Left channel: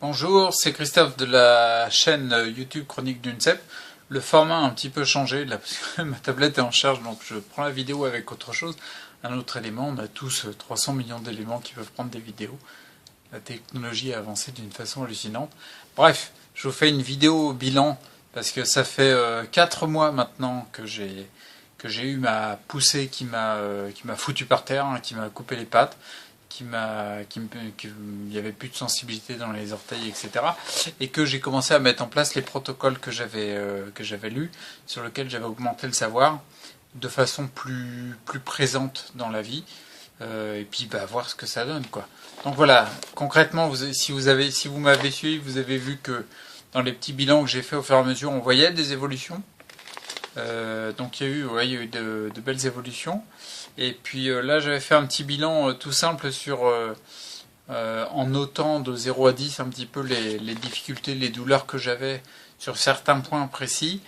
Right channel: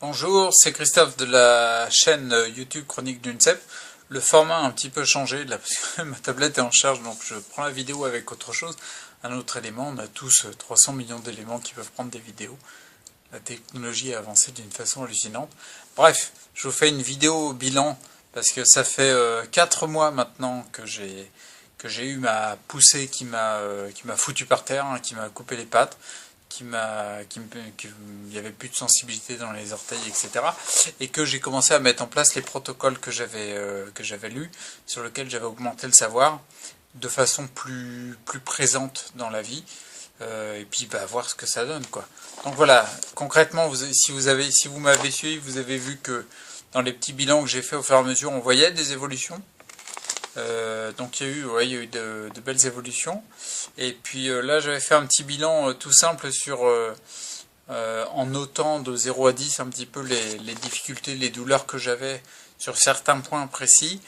Bonjour, c'est Christophe de la chaîne YouTube Chronique d'une cèpe. Le format a un petit peu changé là parce que ma tablette est en charge, donc je prends la vidéo avec autre chose, un autre élément. On a tous 300 millions d'éléments qui peuvent prendre des vidéos. La technologie a avancé d'une façon hallucinante. Bref, je vous fais une vidéo bilan parce que ça fait 4 mois maintenant que j'ai eu ma poussée qui m'a foutu par terre, hein, qui m'a coupé les pattes, qu'il n'y avait plus de sensibilité dans les orteils, etc. Et que j'ai commencé à mettre en place les protocoles que j'avais lus, sur lesquels j'avais augmenté le savoir de façon plus présente dans la vie. Et puis voir ce que ça donne, quoi. Donc voilà, concrètement, si vous m'avez suivi, vous avez vu que dans les petits bilans que j'ai fait au fur et à mesure, on voyait des évolutions. Donc il y a eu de belles évolutions. Et puis là, j'avais fait un petit bilan tout simple en notant de 0 à 10 un petit peu les difficultés, les douleurs que j'avais sur certains points précis.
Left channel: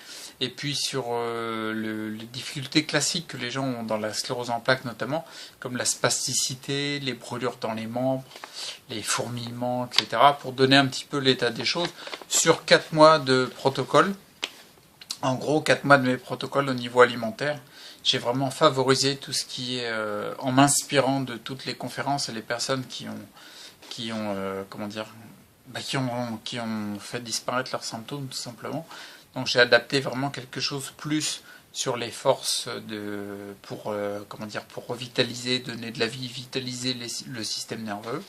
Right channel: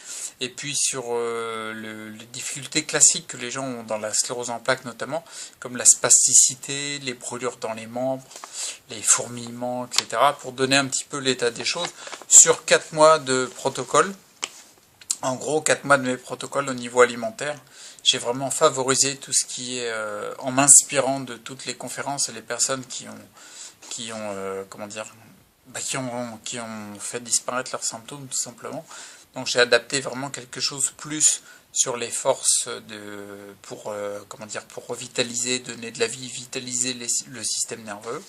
Et puis sur les difficultés classiques que les gens ont dans la sclérose en plaques notamment, comme la spasticité, les brûlures dans les membres, les fourmillements, etc. Pour donner un petit peu l'état des choses sur 4 mois de protocole. En gros, 4 mois de mes protocoles au niveau alimentaire, j'ai vraiment favorisé tout ce qui est en m'inspirant de toutes les conférences et les personnes comment dire, qui ont fait disparaître leurs symptômes tout simplement. Donc j'ai adapté vraiment quelque chose plus sur les forces pour revitaliser, donner de la vie, vitaliser le système nerveux.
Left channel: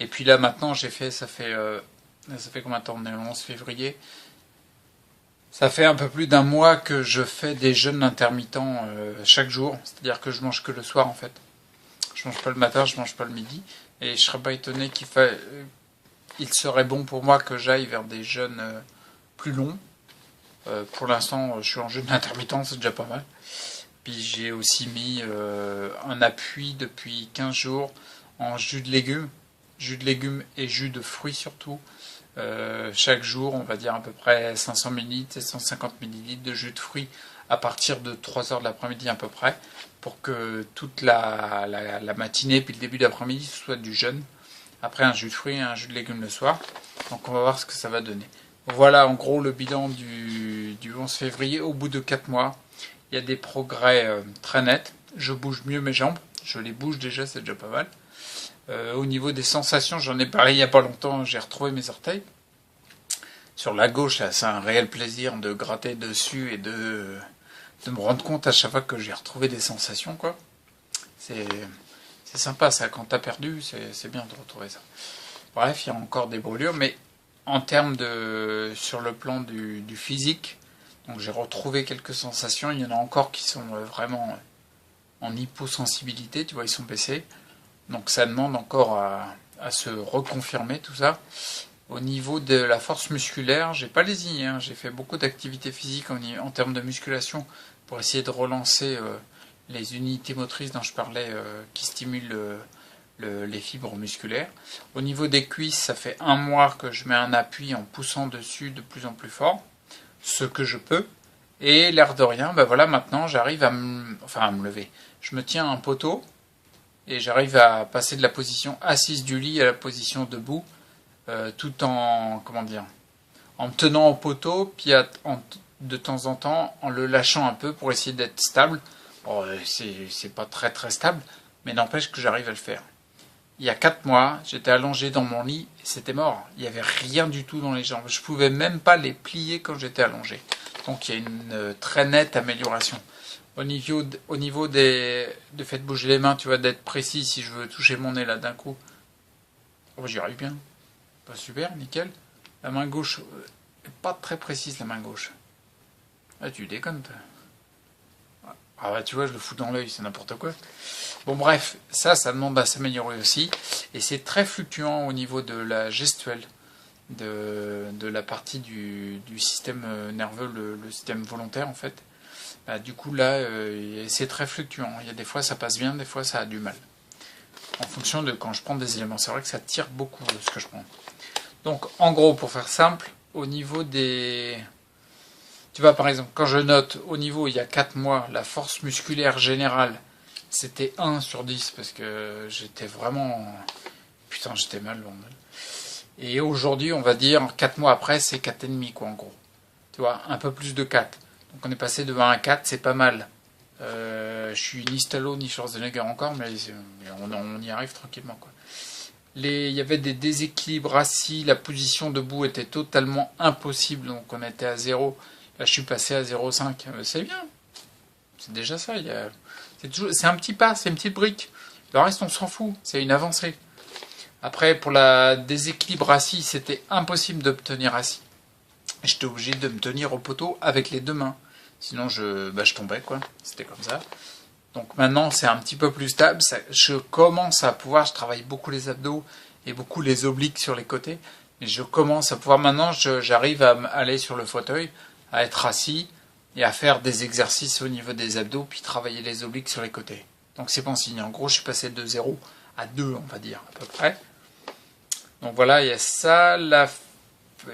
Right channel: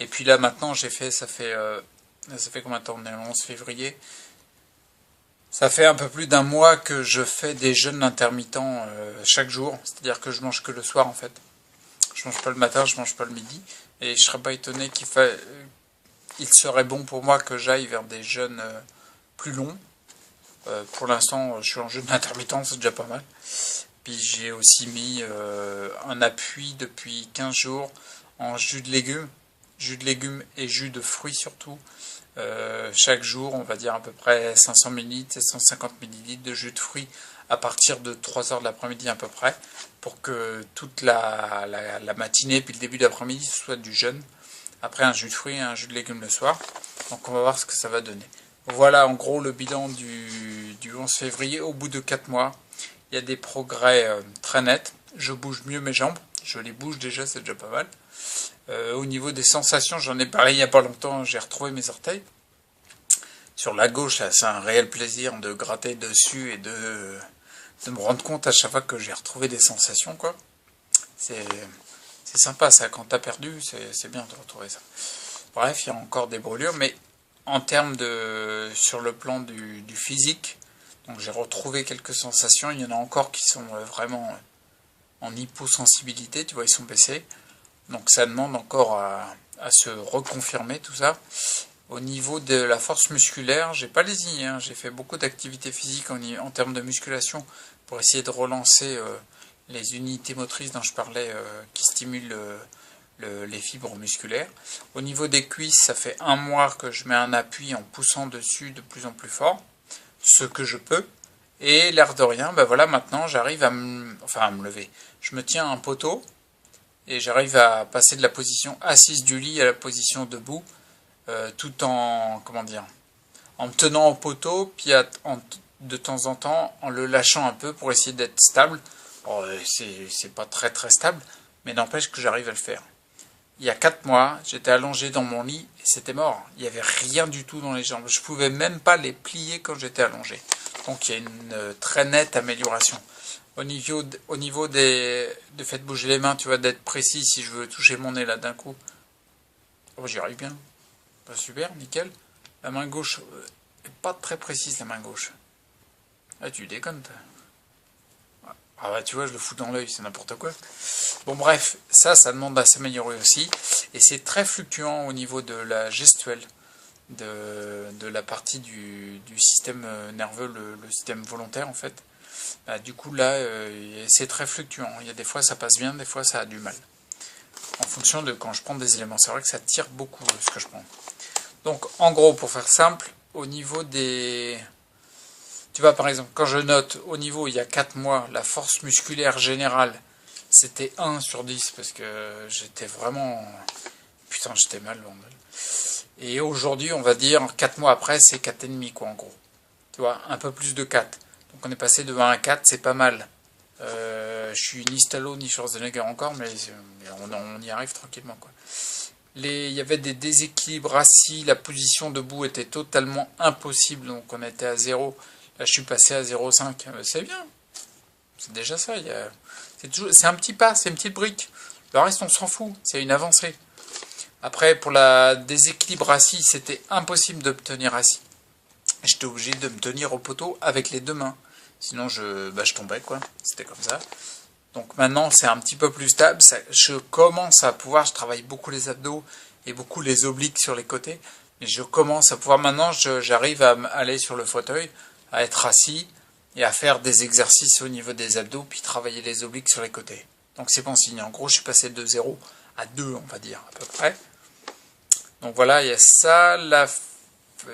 Et puis là maintenant ça fait combien de temps? On est le 11 février. Ça fait un peu plus d'un mois que je fais des jeûnes intermittents chaque jour, c'est-à-dire que je mange que le soir en fait. Je mange pas le matin, je mange pas le midi, et je serais pas étonné il serait bon pour moi que j'aille vers des jeûnes plus longs. Pour l'instant, je suis en jeûne intermittent, c'est déjà pas mal. Puis j'ai aussi mis un appui depuis 15 jours en jus de légumes et jus de fruits surtout. Chaque jour, on va dire à peu près 500 ml et 150 ml de jus de fruits à partir de 3 heures de l'après-midi à peu près, pour que toute la matinée puis le début d'après-midi soit du jeûne. Après un jus de fruits et un jus de légumes le soir. Donc on va voir ce que ça va donner. Voilà en gros le bilan du 11 février. Au bout de 4 mois, il y a des progrès très nets. Je bouge mieux mes jambes. Je les bouge déjà, c'est déjà pas mal. Au niveau des sensations, j'en ai parlé il n'y a pas longtemps, j'ai retrouvé mes orteils. Sur la gauche, c'est un réel plaisir de gratter dessus et de me rendre compte à chaque fois que j'ai retrouvé des sensations, quoi. C'est sympa ça, quand t'as perdu, c'est bien de retrouver ça. Bref, il y a encore des brûlures, mais en termes sur le plan du physique, donc j'ai retrouvé quelques sensations, il y en a encore qui sont vraiment en hyposensibilité, tu vois, ils sont baissés. Donc ça demande encore à se reconfirmer tout ça. Au niveau de la force musculaire, j'ai pas lésiné, hein. J'ai fait beaucoup d'activités physiques en termes de musculation pour essayer de relancer les unités motrices dont je parlais qui stimulent les fibres musculaires. Au niveau des cuisses, ça fait un mois que je mets un appui en poussant dessus de plus en plus fort, ce que je peux. Et l'air de rien, voilà, maintenant j'arrive à me lever. Je me tiens à un poteau et j'arrive à passer de la position assise du lit à la position debout, tout en, comment dire, en me tenant au poteau, puis de temps en temps en le lâchant un peu pour essayer d'être stable. Bon, c'est pas très très stable, mais n'empêche que j'arrive à le faire. Il y a 4 mois, j'étais allongé dans mon lit et c'était mort. Il n'y avait rien du tout dans les jambes. Je pouvais même pas les plier quand j'étais allongé. Donc il y a une très nette amélioration. Au niveau de fait bouger les mains, tu vois, d'être précis si je veux toucher mon nez là d'un coup. Oh, j'y arrive bien. Super, nickel. La main gauche, pas très précise la main gauche. Ah, tu déconnes, toi. Ah bah tu vois, je le fous dans l'œil, c'est n'importe quoi. Bon bref, ça demande à s'améliorer aussi. Et c'est très fluctuant au niveau de la gestuelle, de la partie du système nerveux, le système volontaire en fait. Du coup là, c'est très fluctuant. Il y a des fois ça passe bien, des fois ça a du mal. En fonction de quand je prends des éléments. C'est vrai que ça tire beaucoup ce que je prends. Donc en gros, pour faire simple, au niveau des... Tu vois, par exemple, quand je note au niveau, il y a 4 mois, la force musculaire générale, c'était 1 sur 10 parce que j'étais vraiment... Putain, j'étais mal, bordel. Et aujourd'hui, on va dire, 4 mois après, c'est 4,5 quoi, en gros. Tu vois, un peu plus de 4. Donc on est passé de 1 à 4, c'est pas mal. Je suis ni Stallone ni Schwarzenegger encore, mais on y arrive tranquillement, quoi. Il y avait des déséquilibres assis, la position debout était totalement impossible, donc on était à 0. Là, je suis passé à 0,5. C'est bien, c'est déjà ça. C'est un petit pas, c'est une petite brique. Le reste, on s'en fout, c'est une avancée. Après, pour la déséquilibre assis, c'était impossible d'obtenir assis. J'étais obligé de me tenir au poteau avec les deux mains. Sinon, je tombais, quoi. C'était comme ça. Donc maintenant, c'est un petit peu plus stable. Je commence à pouvoir, je travaille beaucoup les abdos et beaucoup les obliques sur les côtés. Mais je commence à pouvoir, maintenant, j'arrive à aller sur le fauteuil, à être assis et à faire des exercices au niveau des abdos, puis travailler les obliques sur les côtés. Donc c'est bon signe. En gros, je suis passé de 0 à 2, on va dire, à peu près. Donc voilà, il y a ça,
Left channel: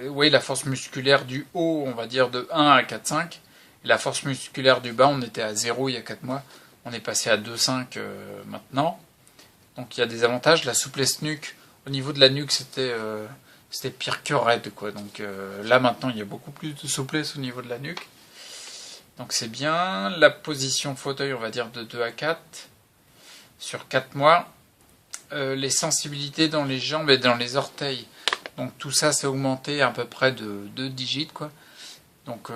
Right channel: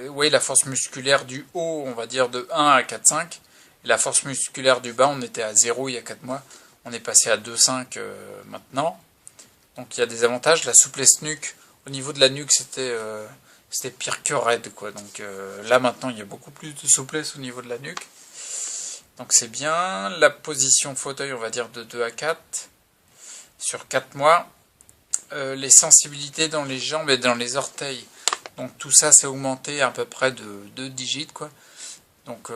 oui, la force musculaire du haut, on va dire de 1 à 4,5. Et la force musculaire du bas, on était à 0 il y a 4 mois. On est passé à 2,5 maintenant. Donc il y a des avantages. La souplesse nuque, au niveau de la nuque, c'était pire que raide, quoi. Donc là maintenant, il y a beaucoup plus de souplesse au niveau de la nuque. Donc c'est bien. La position fauteuil, on va dire de 2 à 4 sur 4 mois. Les sensibilités dans les jambes et dans les orteils. Donc tout ça, c'est augmenté à peu près de 2 digits, quoi. Donc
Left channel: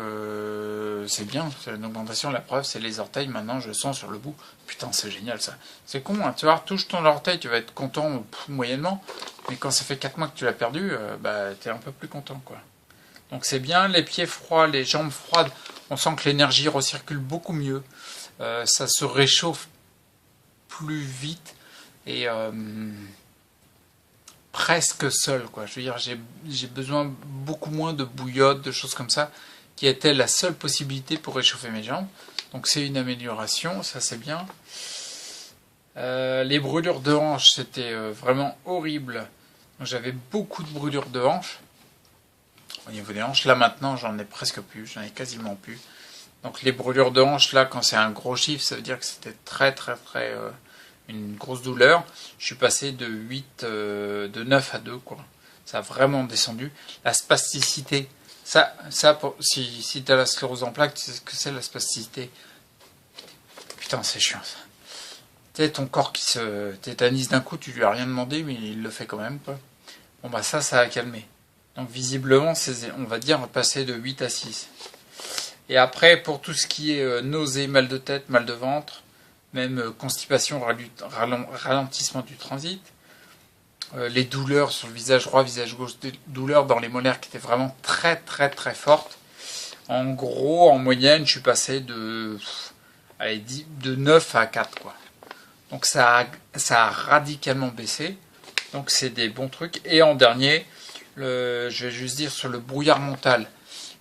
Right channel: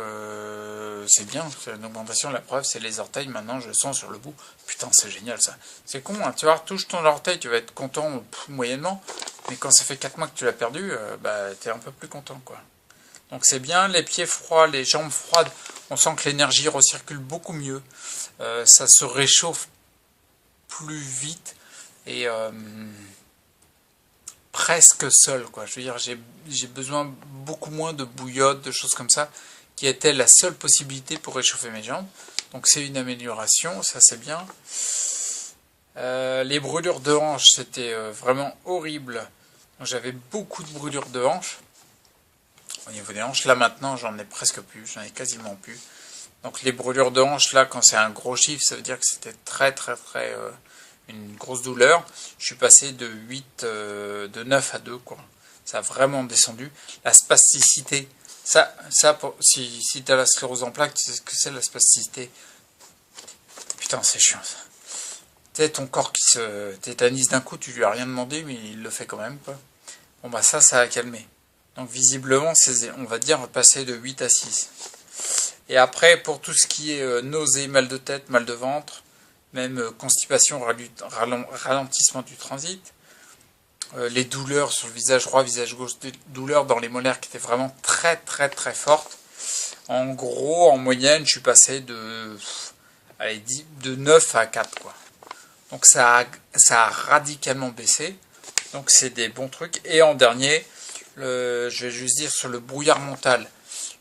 c'est bien, c'est une augmentation. La preuve, c'est les orteils. Maintenant, je le sens sur le bout. Putain, c'est génial ça. C'est con, hein. Tu vois, touche ton orteil, tu vas être content moyennement. Mais quand ça fait 4 mois que tu l'as perdu, bah t'es un peu plus content, quoi. Donc c'est bien. Les pieds froids, les jambes froides. On sent que l'énergie recircule beaucoup mieux. Ça se réchauffe plus vite et presque seul, quoi. Je veux dire, j'ai besoin beaucoup moins de bouillotte, de choses comme ça, qui était la seule possibilité pour réchauffer mes jambes. Donc c'est une amélioration, ça c'est bien. Les brûlures de hanches, c'était vraiment horrible. J'avais beaucoup de brûlures de hanches au niveau des hanches. Là maintenant, j'en ai presque plus, j'en ai quasiment plus. Donc les brûlures de hanches, là, quand c'est un gros chiffre, ça veut dire que c'était très très très une grosse douleur. Je suis passé de 9 à 2, quoi. Ça a vraiment descendu. La spasticité, si tu as la sclérose en plaques, tu sais ce que c'est la spasticité. Putain, c'est chiant ça. Tu sais, ton corps qui se tétanise d'un coup, tu lui as rien demandé, mais il le fait quand même, quoi. Bon, bah ça a calmé. Donc visiblement, on va dire passer de 8 à 6. Et après, pour tout ce qui est nausée, mal de tête, mal de ventre, même constipation, ralentissement du transit, les douleurs sur le visage droit, visage gauche, des douleurs dans les molaires qui étaient vraiment très très très fortes. En gros, en moyenne, je suis passé de 9 à 4, quoi. Donc ça a radicalement baissé. Donc c'est des bons trucs. Et en dernier, je vais juste dire sur le brouillard mental,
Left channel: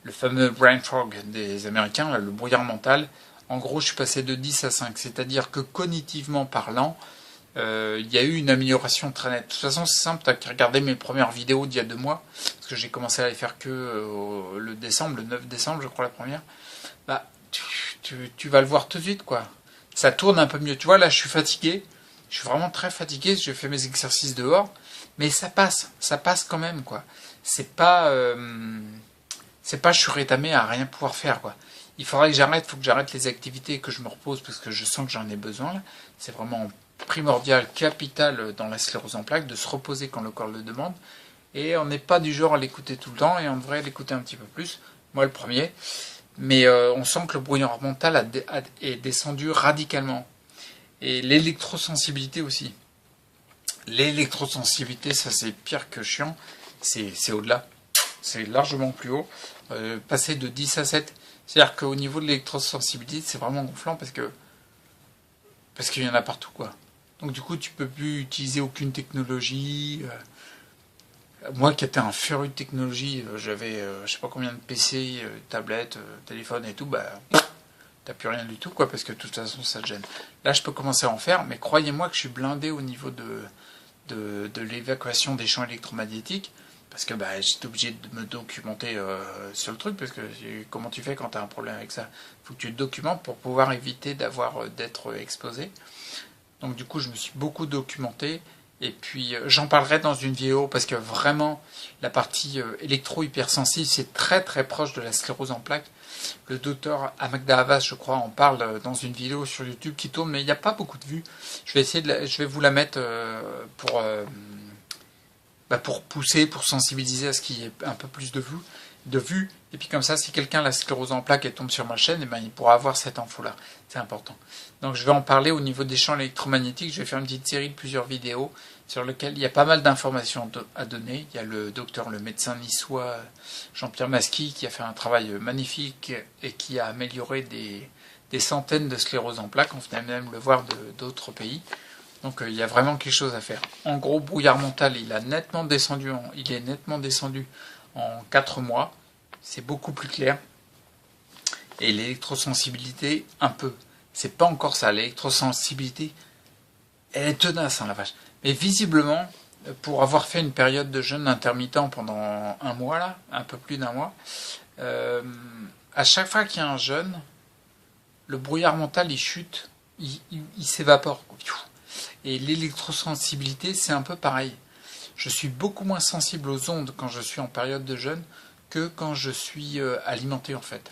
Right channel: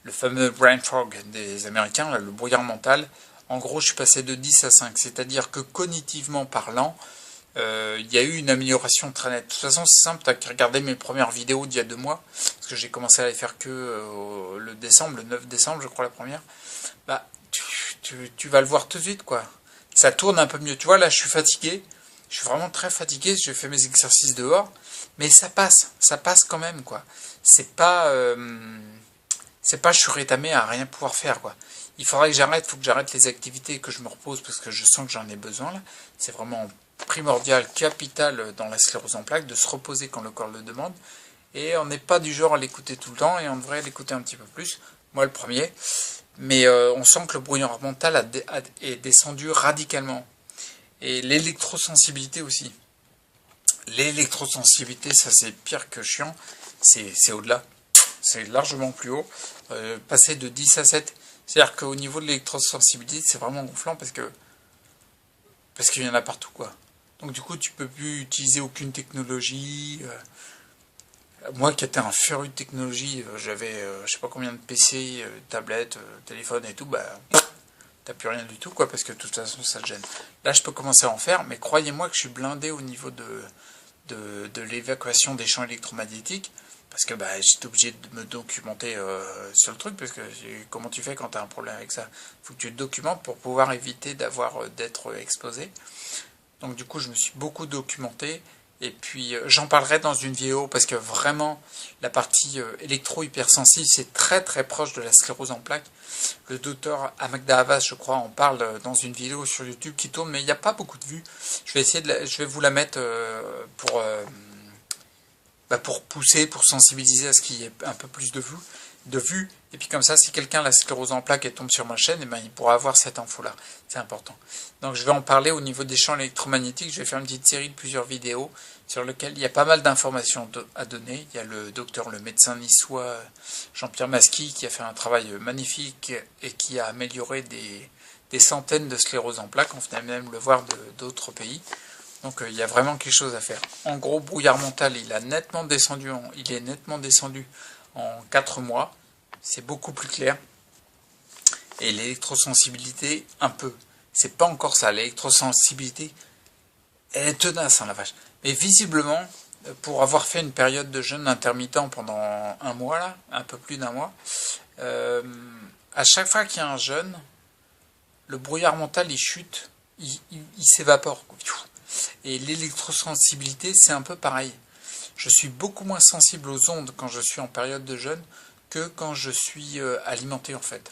le fameux brain fog des Américains, là, le brouillard mental. En gros, je suis passé de 10 à 5. C'est-à-dire que cognitivement parlant, il y a eu une amélioration très nette. De toute façon, c'est simple, tu as qu'à regarder mes premières vidéos d'il y a 2 mois, parce que j'ai commencé à les faire que le 9 décembre, je crois, la première. Bah, tu vas le voir tout de suite, quoi. Ça tourne un peu mieux. Tu vois, là, je suis fatigué. Je suis vraiment très fatigué. Je fais mes exercices dehors. Mais ça passe quand même, quoi. C'est pas je suis rétamé à rien pouvoir faire, quoi. Il faut que j'arrête les activités et que je me repose parce que je sens que j'en ai besoin, là. C'est vraiment primordial, capital dans la sclérose en plaques, de se reposer quand le corps le demande. Et on n'est pas du genre à l'écouter tout le temps et on devrait l'écouter un petit peu plus. Moi, le premier. Mais on sent que le brouillard mental est descendu radicalement. Et l'électrosensibilité aussi. L'électrosensibilité, ça c'est pire que chiant. C'est au-delà. C'est largement plus haut. Passer de 10 à 7. C'est-à-dire qu'au niveau de l'électrosensibilité, c'est vraiment gonflant parce qu'il y en a partout, quoi. Donc du coup, tu peux plus utiliser aucune technologie. Moi qui étais un féru de technologie, j'avais je sais pas combien de PC, tablettes, téléphones et tout, bah t'as plus rien du tout, quoi, parce que de toute façon ça te gêne. Là je peux commencer à en faire, mais croyez-moi que je suis blindé au niveau de l'évacuation des champs électromagnétiques, parce que bah, j'étais obligé de me documenter sur le truc, parce que comment tu fais quand tu as un problème avec ça? Faut que tu te documentes pour pouvoir éviter d'être exposé. Donc du coup je me suis beaucoup documenté, Et puis j'en parlerai dans une vidéo parce que vraiment la partie électro-hypersensible c'est très très proche de la sclérose en plaques. Le docteur Amagda Havas, je crois, en parle dans une vidéo sur YouTube qui tourne, mais il n'y a pas beaucoup de vues. Je vais essayer je vais vous la mettre pour pousser, pour sensibiliser à ce qu'il y ait un peu plus de vues. Et puis comme ça, si quelqu'un a la sclérose en plaques et tombe sur ma chaîne, eh ben, il pourra avoir cette info-là. C'est important. Donc je vais en parler au niveau des champs électromagnétiques. Je vais faire une petite série de plusieurs vidéos sur lesquelles il y a pas mal d'informations à donner. Il y a le médecin niçois Jean-Pierre Masqui qui a fait un travail magnifique et qui a amélioré des centaines de scléroses en plaques. On venait même le voir d'autres pays. Donc il y a vraiment quelque chose à faire. En gros, brouillard mental, il est nettement descendu en 4 mois. C'est beaucoup plus clair. Et l'électrosensibilité, un peu. C'est pas encore ça. L'électrosensibilité, elle est tenace, hein, la vache. Mais visiblement, pour avoir fait une période de jeûne intermittent pendant un mois, là, un peu plus d'un mois, à chaque fois qu'il y a un jeûne, le brouillard mental, il chute, il s'évapore. Et l'électrosensibilité, c'est un peu pareil. Je suis beaucoup moins sensible aux ondes quand je suis en période de jeûne que quand je suis alimenté en fait.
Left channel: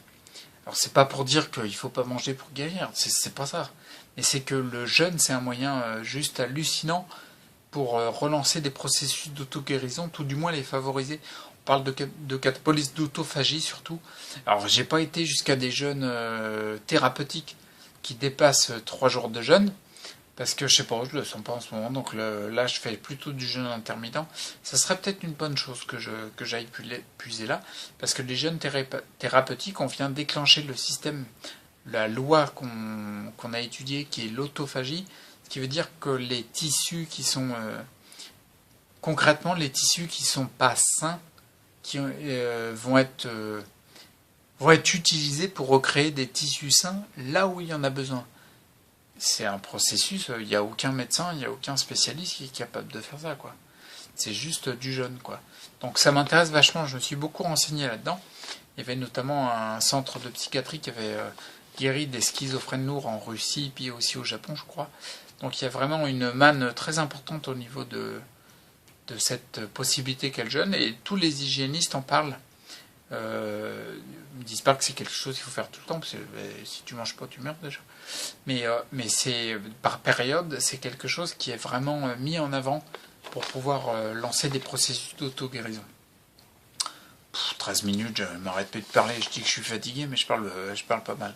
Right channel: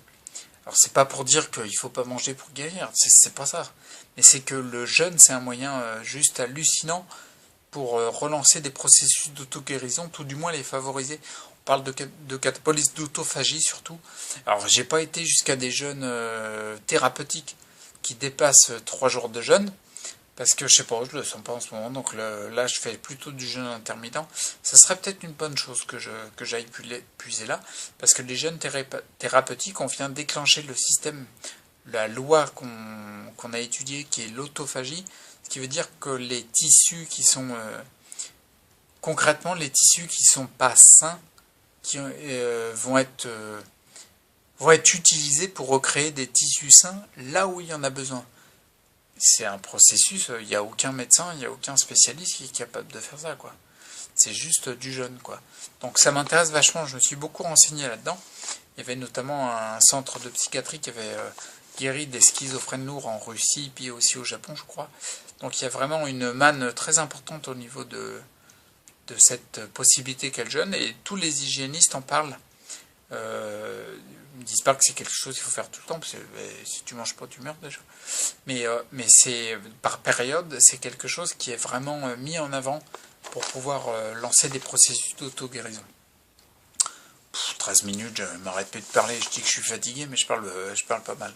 Alors c'est pas pour dire qu'il faut pas manger pour guérir, c'est pas ça. Mais c'est que le jeûne, c'est un moyen juste hallucinant pour relancer des processus d'auto-guérison, tout du moins les favoriser. On parle de catabolisme d'autophagie surtout. Alors j'ai pas été jusqu'à des jeûnes thérapeutiques qui dépassent 3 jours de jeûne. Parce que je sais pas, je le sens pas en ce moment, donc là je fais plutôt du jeûne intermittent. Ça serait peut-être une bonne chose que j'aille puiser là, parce que les jeûnes thérapeutiques, on vient déclencher le système, la loi qu'on a étudiée, qui est l'autophagie, ce qui veut dire que les tissus qui sont concrètement les tissus qui sont pas sains, qui vont être utilisés pour recréer des tissus sains là où il y en a besoin. C'est un processus, il n'y a aucun médecin, il n'y a aucun spécialiste qui est capable de faire ça, quoi. C'est juste du jeûne, quoi. Donc ça m'intéresse vachement, je me suis beaucoup renseigné là-dedans. Il y avait notamment un centre de psychiatrie qui avait guéri des schizophrènes lourds en Russie, puis aussi au Japon, je crois. Donc il y a vraiment une manne très importante au niveau de cette possibilité qu'est le jeûne, et tous les hygiénistes en parlent. Ils ne disent pas que c'est quelque chose qu'il faut faire tout le temps, parce que si tu manges pas, tu meurs déjà. Mais c'est par période, c'est quelque chose qui est vraiment mis en avant pour pouvoir lancer des processus d'auto-guérison. 13 minutes, je m'arrête plus de parler, je dis que je suis fatigué, mais je parle pas mal.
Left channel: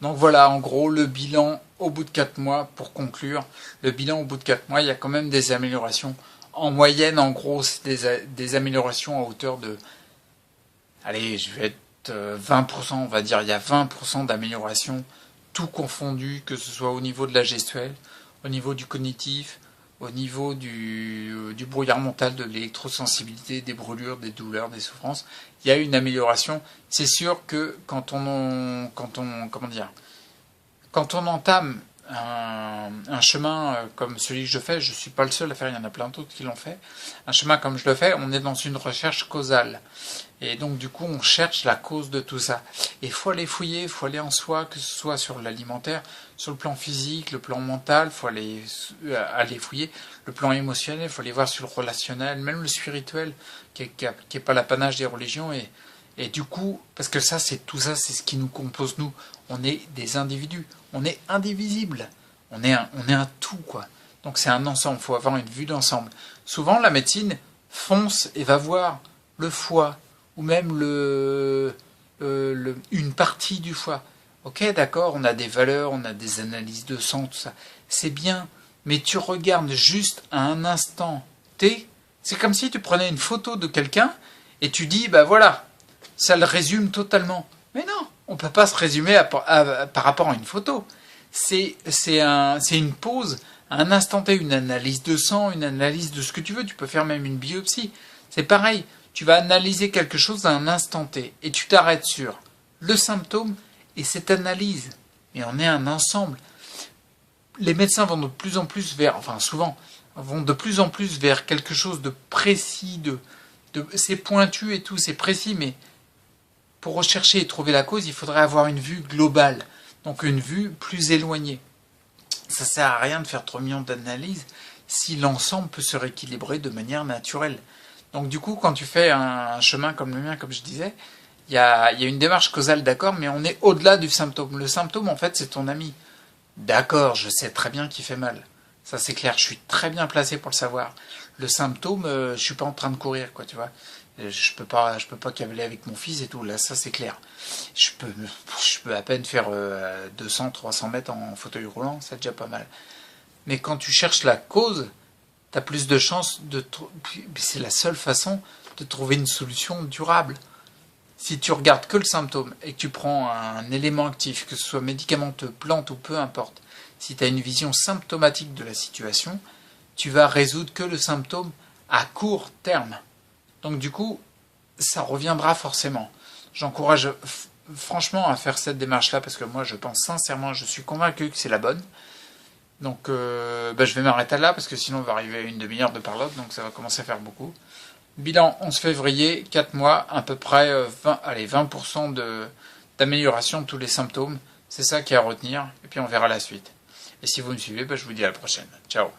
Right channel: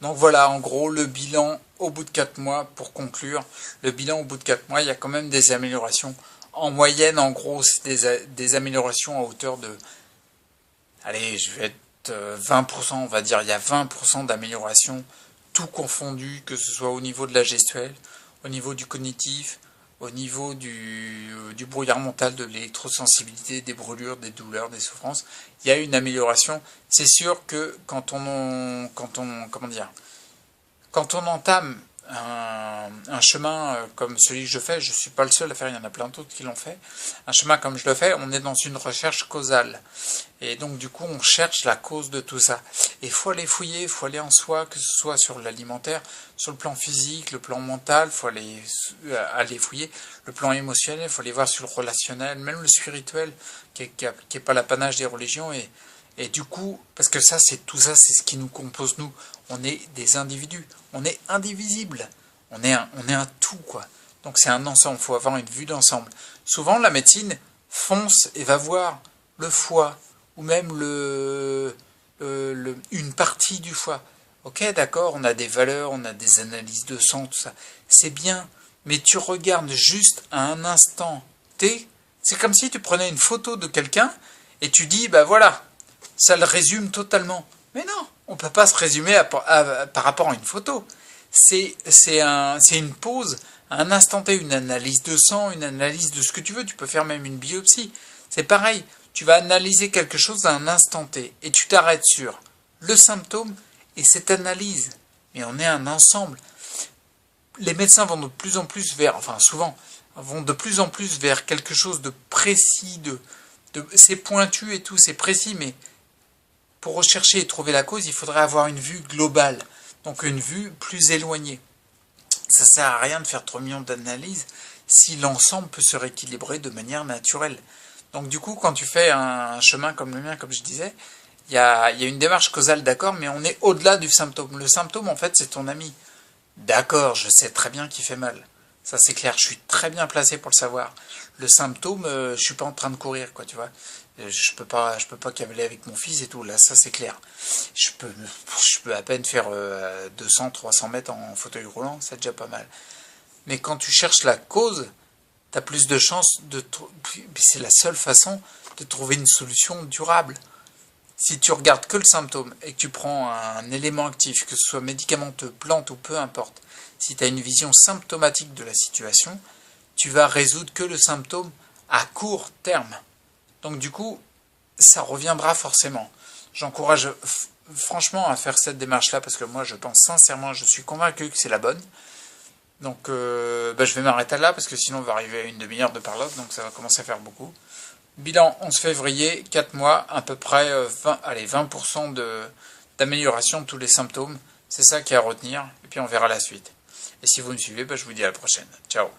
Donc voilà, en gros, le bilan au bout de 4 mois, pour conclure, le bilan au bout de 4 mois, il y a quand même des améliorations. En moyenne, en gros, c'est des améliorations à hauteur de... Allez, je vais être 20%, on va dire, il y a 20% d'amélioration, tout confondu, que ce soit au niveau de la gestuelle, au niveau du cognitif, au niveau du brouillard mental, de l'électrosensibilité, des brûlures, des douleurs, des souffrances. Il y a une amélioration. C'est sûr que quand on entame un chemin comme celui que je fais, je ne suis pas le seul à faire, il y en a plein d'autres qui l'ont fait, un chemin comme je le fais, on est dans une recherche causale. Et donc du coup on cherche la cause de tout ça. Et il faut aller fouiller, il faut aller en soi, que ce soit sur l'alimentaire, sur le plan physique, le plan mental, il faut aller fouiller, le plan émotionnel, il faut aller voir sur le relationnel, même le spirituel, qui est pas l'apanage des religions. Et du coup, parce que tout ça, c'est ce qui nous compose nous. On est des individus, on est indivisible, on est un tout, quoi. Donc c'est un ensemble, il faut avoir une vue d'ensemble. Souvent la médecine fonce et va voir le foie, ou même une partie du foie. Ok, d'accord, on a des valeurs, on a des analyses de sang, tout ça. C'est bien, mais tu regardes juste à un instant T, c'est comme si tu prenais une photo de quelqu'un et tu dis, bah voilà, ça le résume totalement. Mais non, on ne peut pas se résumer par rapport à une photo. C'est une pause, un instant T, une analyse de sang, une analyse de ce que tu veux. Tu peux faire même une biopsie. C'est pareil, tu vas analyser quelque chose à un instant T et tu t'arrêtes sur le symptôme et cette analyse. Mais on est un ensemble. Les médecins vont de plus en plus souvent, vont de plus en plus vers quelque chose de précis, c'est pointu et tout, c'est précis, mais pour rechercher et trouver la cause, il faudrait avoir une vue globale, donc une vue plus éloignée. Ça sert à rien de faire 3 millions d'analyses si l'ensemble peut se rééquilibrer de manière naturelle. Donc du coup, quand tu fais un chemin comme le mien, comme je disais, il y a une démarche causale, d'accord, mais on est au-delà du symptôme. Le symptôme, en fait, c'est ton ami. D'accord, je sais très bien qu'il fait mal. Ça, c'est clair, je suis très bien placé pour le savoir. Le symptôme, je suis pas en train de courir, quoi, tu vois. Je peux pas cavaler avec mon fils et tout, là, ça, c'est clair. Je peux à peine faire 200, 300 mètres en fauteuil roulant, c'est déjà pas mal. Mais quand tu cherches la cause, t'as plus de chances de... C'est la seule façon de trouver une solution durable. Si tu regardes que le symptôme et que tu prends un élément actif, que ce soit médicamenteux, plante ou peu importe, si tu as une vision symptomatique de la situation, tu vas résoudre que le symptôme à court terme. Donc du coup, ça reviendra forcément. J'encourage franchement à faire cette démarche-là parce que moi je pense sincèrement, je suis convaincu que c'est la bonne. Donc je vais m'arrêter là parce que sinon on va arriver à une demi-heure de parlotte, donc ça va commencer à faire beaucoup. Bilan 11 février, 4 mois, à peu près 20% d'amélioration de tous les symptômes. C'est ça qui est à retenir, et puis on verra la suite. Et si vous me suivez, je vous dis à la prochaine. Ciao.